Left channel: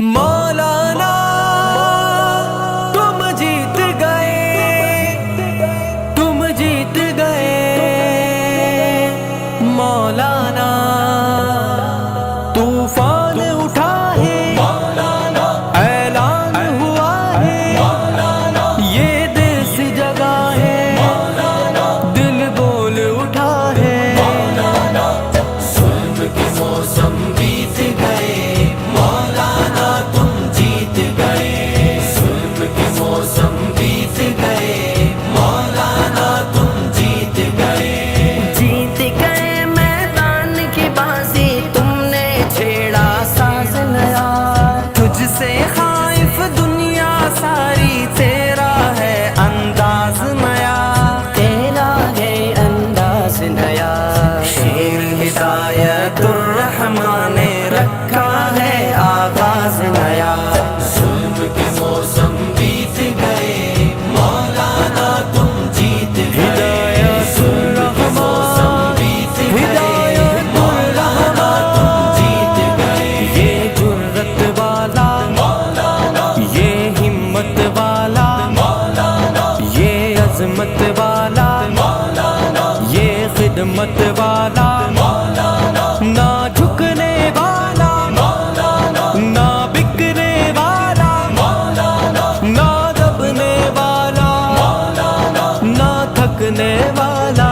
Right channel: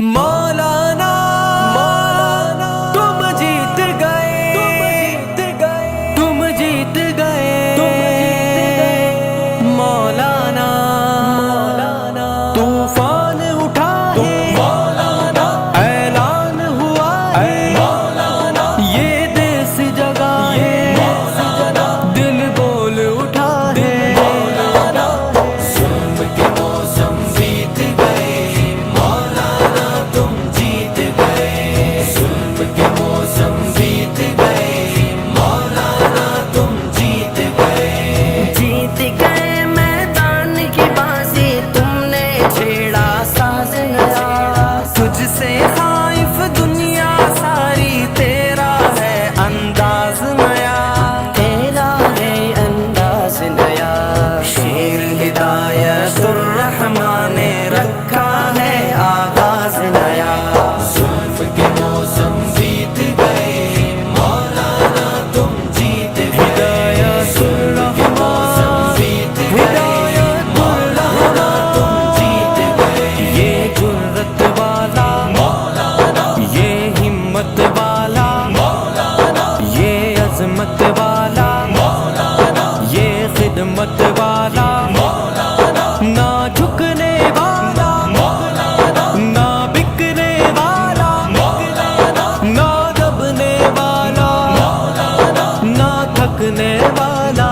مولانا تم جیت گئے، تم جیت گئے مولانا، طوفان اٹھا ہے، اعلان ہوا ہے، یہ دیس جگہ ہے، دل بول اٹھا ہے۔ تجھ سے خائف دنیا ساری، تیرا ہے انداز نیا، تیرا ہے انداز نیا، شیر ہدایت الرحمن نے رکھا ہے آغاز نیا۔ ہدایت الرحمن، ہدایت الرحمن، یہ جرت والا، یہ ہمت والا، یہ عظمت والا، یہ خدمت والا، نہ جھکنے والا، نہ بکنے والا، نہ دبنے والا، نہ تھکنے والا۔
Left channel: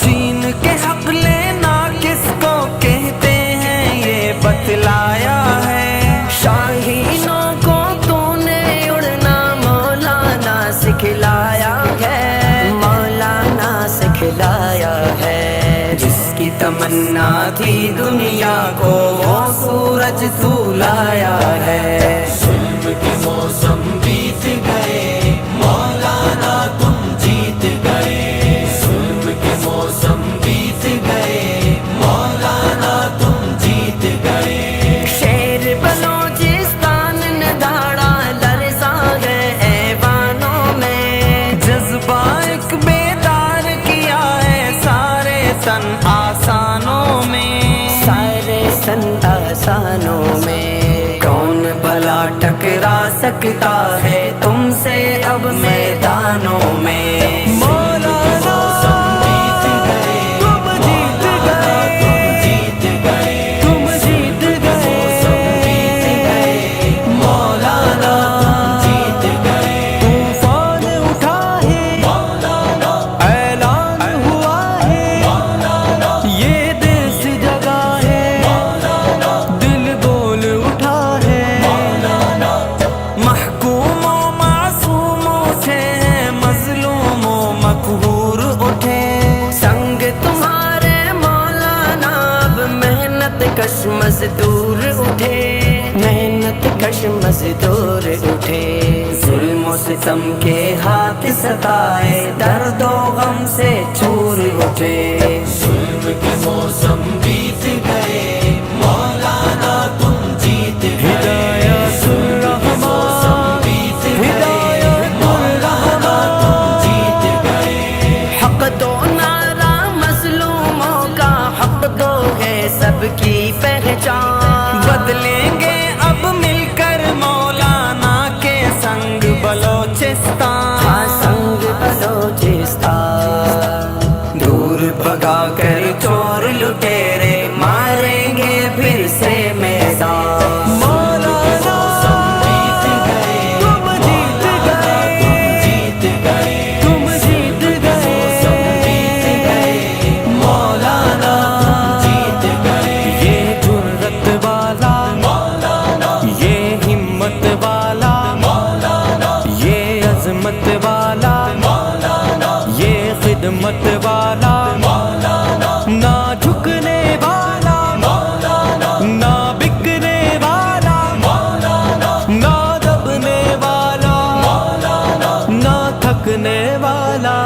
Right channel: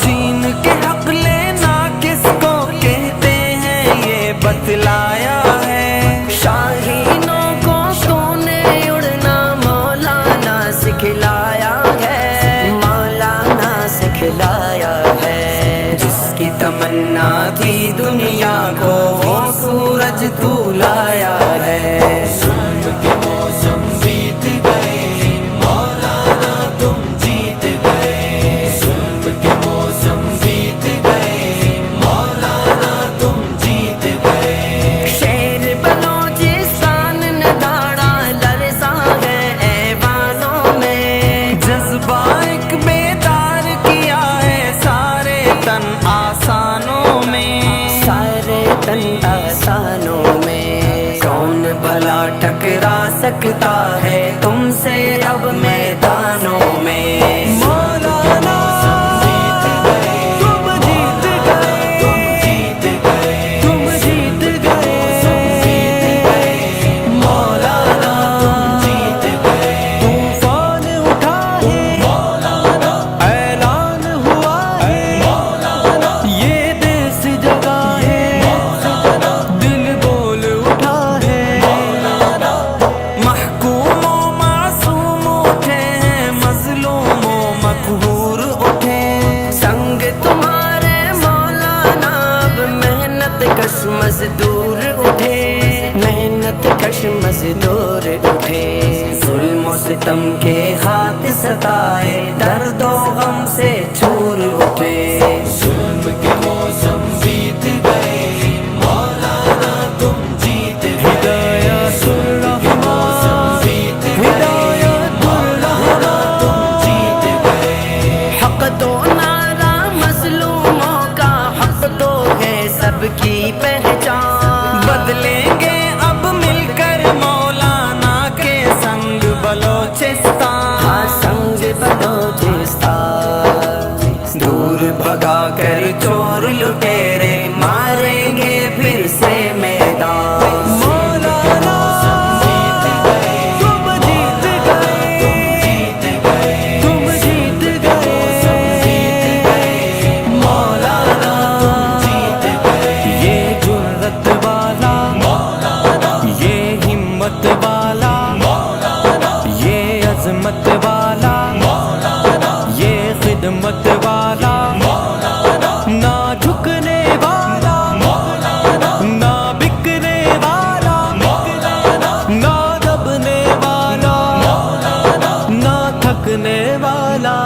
چین کے حق لینا کس کو کہتے ہیں یہ بتلایا ہے، شاہینوں کو تو نے اڑنا مولانا سکھلایا ہے، مولانا سکھلایا ہے۔ جس کی تمنا تھی دنیا کو وہ سورج تو لایا ہے۔ شیر بلوچستان نے دھاڑا لرزا ہے ایوانوں میں، جذبہ ایک بیدار کیا ہے سارے تن آسانوں میں، سارے تن آسانوں میں۔ کون بھلا ٹکرا سکتا ہے تم سے اب میدانوں میں۔ مولانا تم جیت گئے، تم جیت گئے مولانا، طوفان اٹھا ہے، اعلان ہوا ہے، یہ دیس جگہ ہے، دل بول اٹھا ہے۔ محکوم و معصوم اٹھے ہیں، مظلوم و مقہور اٹھے، سنگ تمہارے مولانا اب محنت کش مزدور اٹھے، محنت کش مزدور اٹھے۔ ظلم و ستم کے ہاتھ ستائے، درد و غم سے چور اٹھے۔ ہدایت الرحمن، ہدایت الرحمن، حق دو نعرہ مظلوموں کا، حق دو ہے سب کی پہچان، بدلیں گے اب مل کر مولانا کے سنگ بلوچستان، ہاں سنگ بلوچستان۔ دور بھگا کر چور لٹیرے ماریں گے پھر سے میدان۔ مولانا تم جیت گئے، تم جیت گئے مولانا، یہ جرت والا، یہ ہمت والا، یہ عظمت والا، یہ خدمت والا، نہ جھکنے والا، نہ بکنے والا، نہ دبنے والا، نہ تھکنے والا۔